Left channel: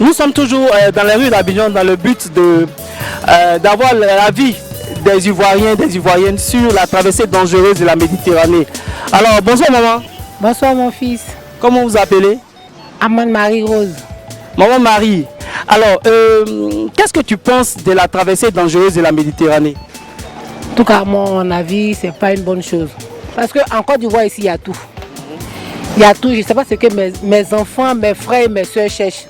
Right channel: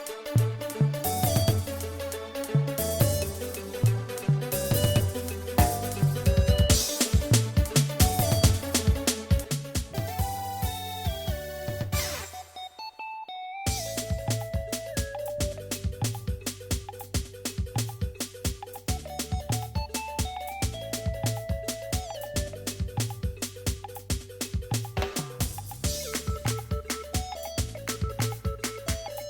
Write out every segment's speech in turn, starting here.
Nous sommes toujours dans les rues d'Abidjan dans le but d'avoir l'avis des Ivoiriens et des Ivoiriennes sur la traversée dangereuse de la Méditerranée. Alors, bonsoir maman. Bonsoir mon fils. Comment vous appelez? Amande Marie-Rose. Maman Marie, alors, qu'est-ce que tu penses de la traversée dangereuse de la Méditerranée? En tout cas, à mon avis, ce n'est pas une bonne chose. Parce qu'en Côte d'Ivoire, ici, il y a tout. Il y a tout. Je ne sais pas ce que mes enfants, mes frères et mes soeurs cherchent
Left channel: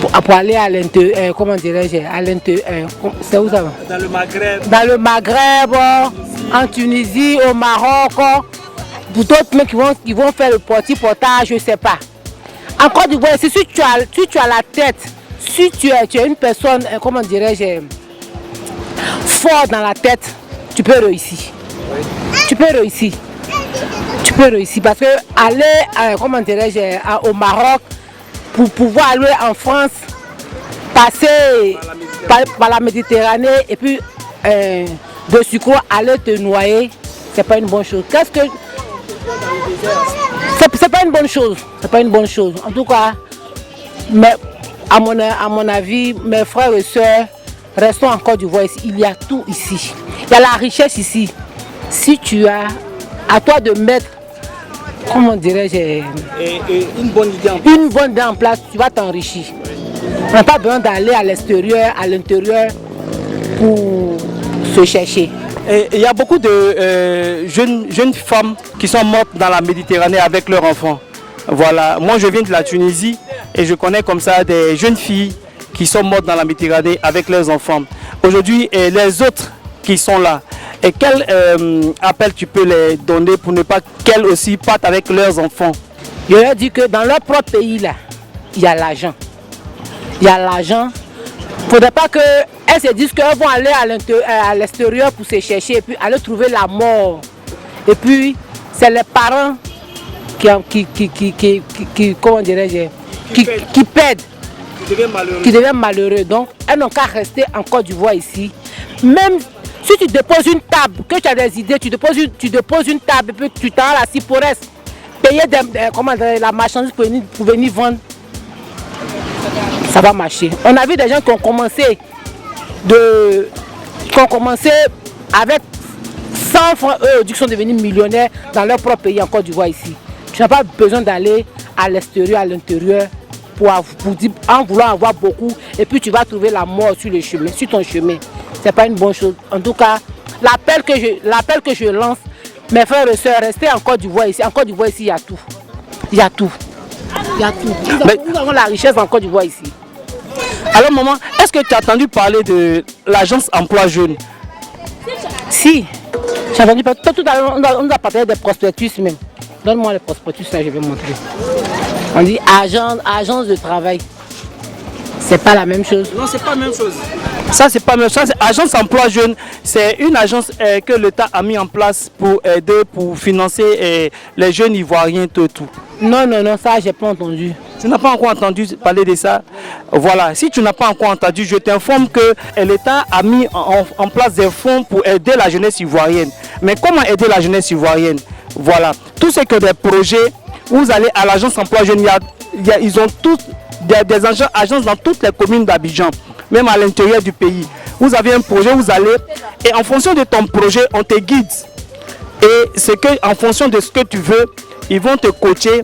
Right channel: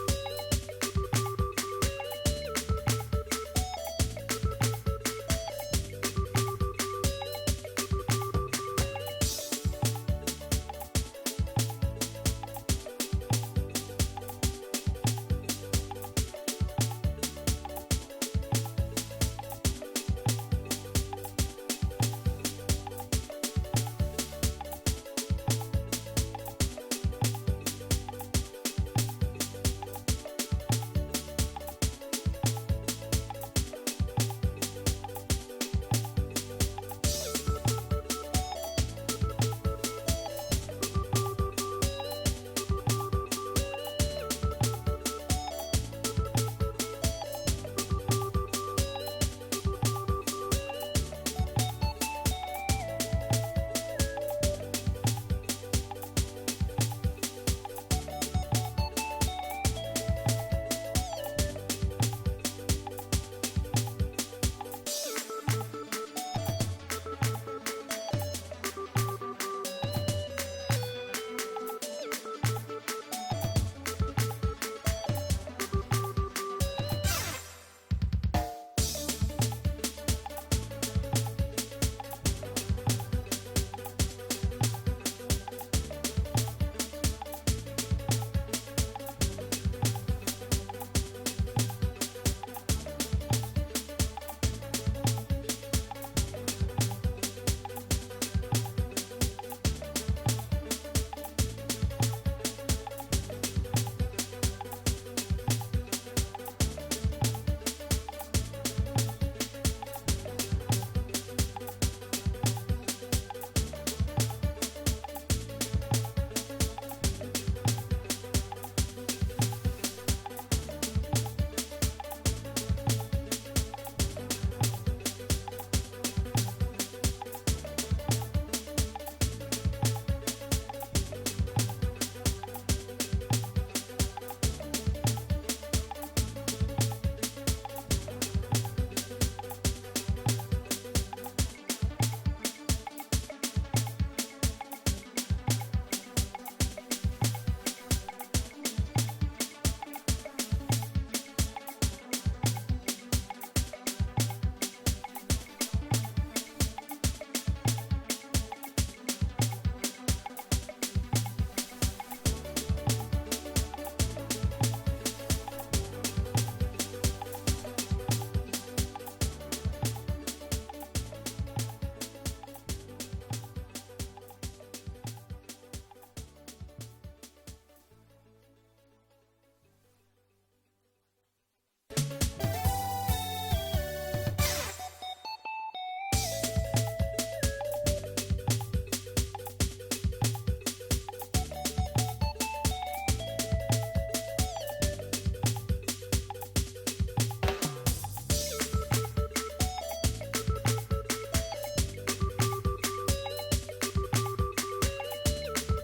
pour aller à l'intérieur. Comment dirais-je? À l'intérieur. C'est où ça va? Dans le Maghreb. Dans le Maghreb, en Tunisie, au Maroc. Pour d'autres mecs qui vont faire le portage, je ne sais pas. En Côte d'Ivoire, si tu as la tête, si tu es une personne, comment dirais-je, fort dans la tête, tu peux réussir. Tu peux réussir. Tu peux réussir parce que aller, comment dirais-je, au Maroc, pour pouvoir aller en France, passer par la Méditerranée et puis de sucre aller te noyer, c'est pas une bonne chose. C'est pas une bonne chose. C'est pas une bonne chose. En tout cas, mais à mon avis, mes frères et sœurs, restons en Côte d'Ivoire ici. Il y a tout ici. Il y a la richesse ici. Si tu as, à toi de mettre, comment dirais-je, une bonne idée en place, tu vas t'enrichir. On n'a pas besoin d'aller à l'extérieur, à l'intérieur pour se chercher. Il y a beaucoup de jeunes femmes qui sont mortes dans la Méditerranée avec leurs enfants. Voilà, moi je viens de la Tunisie et je connais comme ça des jeunes filles qui sont mortes dans la Méditerranée avec leurs enfants. Aujourd'hui, les autres qui sont là, et quel appel tu peux les donner pour ne pas qu'elles aussi partent avec leurs enfants? Je leur dis que dans leur propre pays, là, il y a l'argent. Il y a l'argent. Il ne faudrait pas qu'elles se disent qu'elles vont aller à l'extérieur pour se chercher et puis aller trouver la mort. Et puis, c'est les parents comment dirais-je, qui perdent, qui deviennent malheureux. Donc, elles n'ont qu'à rester en Côte d'Ivoire ici. Même si tu déposes une table, que tu as des idées, tu déposes une table et puis tu t'en as la ciporesse, payer la marchandise pour venir vendre, ça va marcher. On a vu des gens qui ont commencé avec 100 francs, eux, qui sont devenus millionnaires dans leur propre pays en Côte d'Ivoire ici. Tu n'as pas besoin d'aller à l'extérieur, à l'intérieur, en voulant avoir beaucoup, et puis tu vas trouver la mort sur le chemin, sur ton chemin. Ce n'est pas une bonne chose. En tout cas, l'appel que je lance, mes frères et sœurs, restez en Côte d'Ivoire ici. En Côte d'Ivoire ici, il y a tout. Il y a tout. Il y a tout. Nous avons la richesse en Côte d'Ivoire ici. Alors maman, est-ce que tu as entendu parler de l'agence emploi jeune? Si, j'ai entendu parler. Tout à l'heure, on nous a parlé des prospectus même. Donne-moi les prospectus, là, je vais montrer. On dit agence de travail. C'est pas la même chose. Non, c'est pas la même chose. Ça, c'est pas la même chose. Agence emploi jeune, c'est une agence que l'État a mis en place pour aider, pour financer les jeunes Ivoiriens, tout. Non, ça, j'ai pas entendu. Tu n'as pas encore entendu parler de ça? Voilà, si tu n'as pas encore entendu, je t'informe que l'État a mis en place des fonds pour aider la jeunesse ivoirienne. Mais comment aider la jeunesse ivoirienne? Voilà, tout ce que des projets, vous allez à l'agence emploi jeune, ils ont tous des agences dans toutes les communes d'Abidjan, même à l'intérieur du pays. Vous avez un projet, vous allez, et en fonction de ton projet, on te guide. Et en fonction de ce que tu veux, ils vont te coacher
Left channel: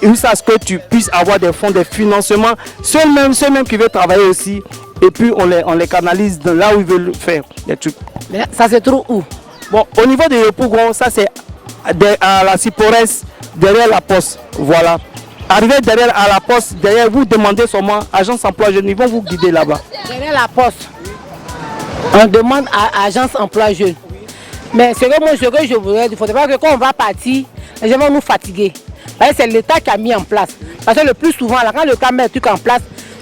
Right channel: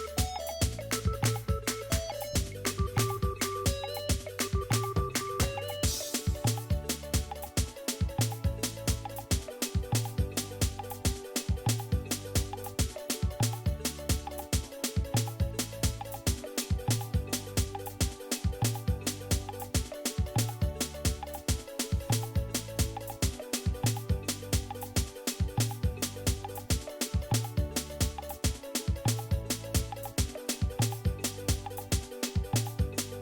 jusqu'à ce que tu puisses avoir des fonds, des financements, ceux mêmes qui veulent travailler aussi, et puis on les canalise de là où ils veulent faire des trucs. Mais ça se trouve où? Bon, au niveau de Yopougon, ça c'est à la Ciporesse, derrière la poste, voilà. Arrivez derrière à la poste, derrière vous demandez seulement agence emploi jeune, ils vont vous guider là-bas. Derrière la poste, on demande à agence emploi jeune. Mais ce que je voudrais dire, il ne faudrait pas que quand on va partir, les gens vont nous fatiguer. C'est l'État qui a mis en place. Parce que le plus souvent, là, quand l'État met un truc en place,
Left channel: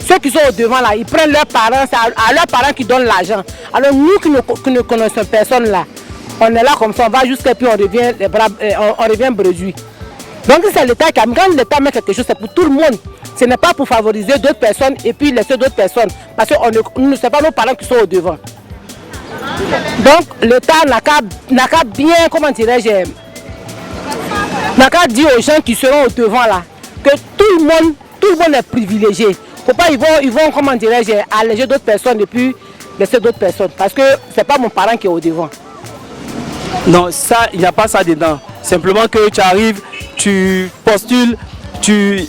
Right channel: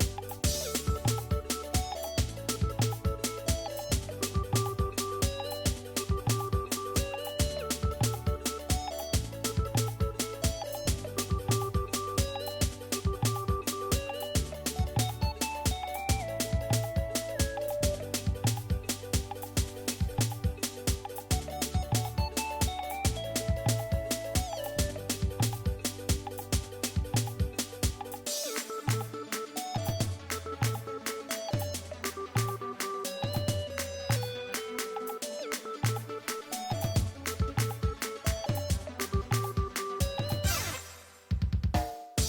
ceux qui sont au devant, là, ils prennent leurs parents, c'est à leurs parents qui donnent l'argent. Alors nous qui ne connaissons personne là, on est là comme ça, on va jusqu'à puis on revient bredouille. Donc c'est l'État qui a mis. Quand l'État met quelque chose, c'est pour tout le monde. Ce n'est pas pour favoriser d'autres personnes et puis laisser d'autres personnes. Parce que ne sait pas nos parents qui sont au devant. Donc l'État n'a qu'à bien, comment dirais-je, n'a qu'à dire aux gens qui seront au devant là, que tout le monde tout le monde est privilégié. Faut pas, ils vont comment dirais-je, alléger d'autres personnes et puis laisser d'autres personnes. Parce que c'est pas mon parent qui est au devant. Non, ça, il n'y a pas ça dedans. Simplement que tu arrives, tu postules, tu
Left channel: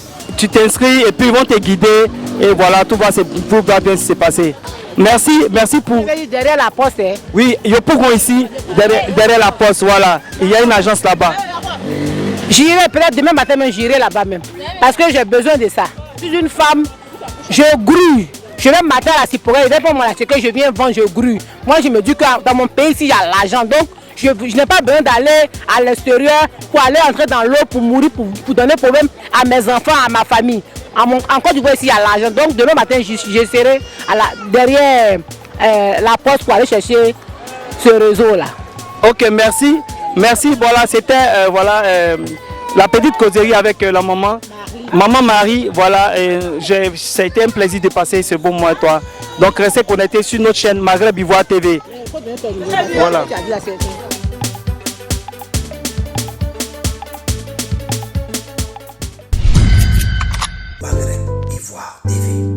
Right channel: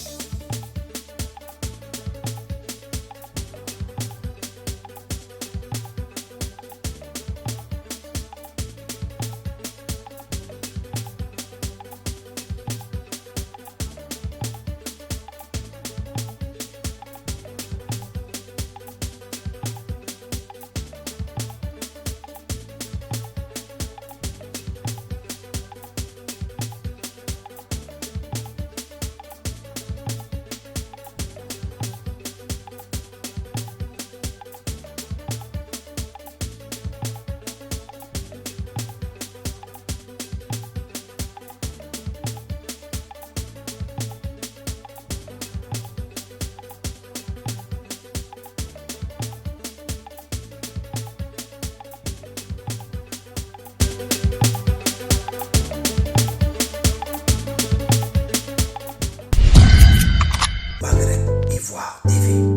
t'inscris et puis ils vont te guider. Et voilà, tout va bien se passer. Merci pour... Derrière la poste, hein. Oui, il y a pour ici, derrière la poste, voilà. Il y a une agence là-bas. J'irai peut-être demain matin, mais j'irai là-bas même. Parce que j'ai besoin de ça. Je suis une femme, je grue. Je vais mater à la ciporée, et pour moi, ce que je viens vendre, je grue. Moi, je me dis que dans mon pays, il y a l'argent. Donc, je n'ai pas besoin d'aller à l'extérieur pour aller entrer dans l'eau, pour mourir, pour donner problème à mes enfants, à ma famille. En Côte d'Ivoire, ici, il y a l'argent. Donc, demain matin, je serai derrière la poste pour aller chercher ce réseau-là. Ok, merci. Merci, voilà, c'était la petite causerie avec la maman. Maman Marie, voilà, ça a été un plaisir de passer ce bon mois avec toi. Donc restez connectés sur notre chaîne Maghreb Ivoire TV. Voilà. Maghreb Ivoire TV.